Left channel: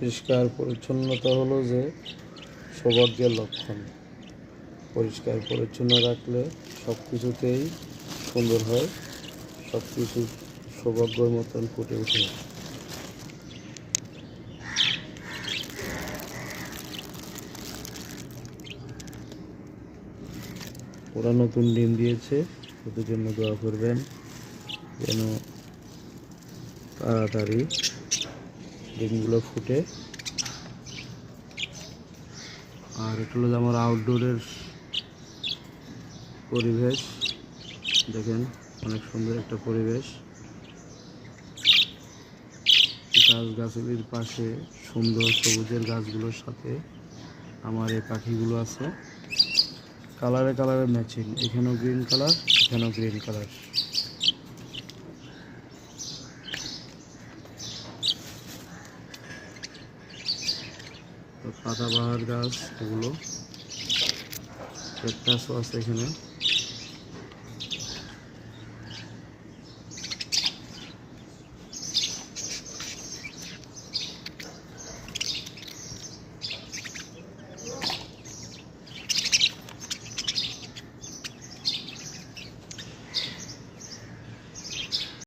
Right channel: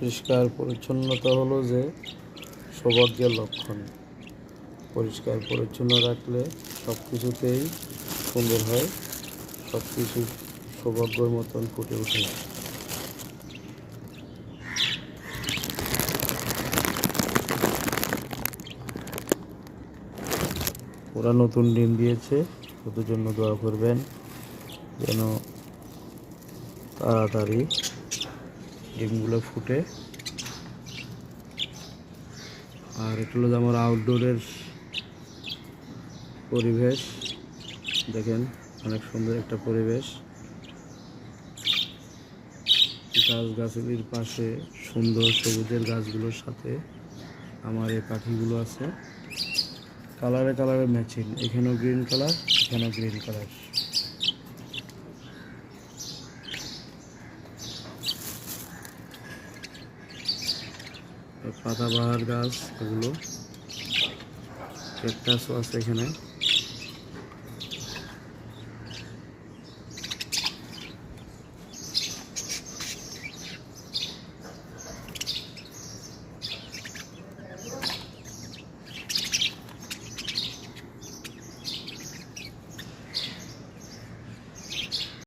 পরিষ্কার পরিচ্ছন্নতা হলো যে সৌভাগ্যের লক্ষণ। পরিষ্কার পরিচ্ছন্ন রাখলে সব কিছুতেই সুন্দর হয়, সব কিছু সৌভাগ্যের মতন ফুটে ওঠে। ওরা নতুন ডিম দিয়েছে, ওদের জন্য দোয়া করবেন যেন তাড়াতাড়ি ডিমগুলো ফুটে। আর এটা হলো আমার আউটডোরের পরিবেশ, দেখেন অনেক সুন্দর একটা পরিবেশ। গাছগাছালির পাশে সুন্দর সবুজের গাছগুলোর সাথে আমার এই পাখিগুলো আছে। কালারে কালারে ম্যাচিং, এখানেও গ্রিন কালার, এখানেও গ্রিন কালার। পাতাবাহার গাছ, এগুলো ক্যাকটাসও আছে এখানে।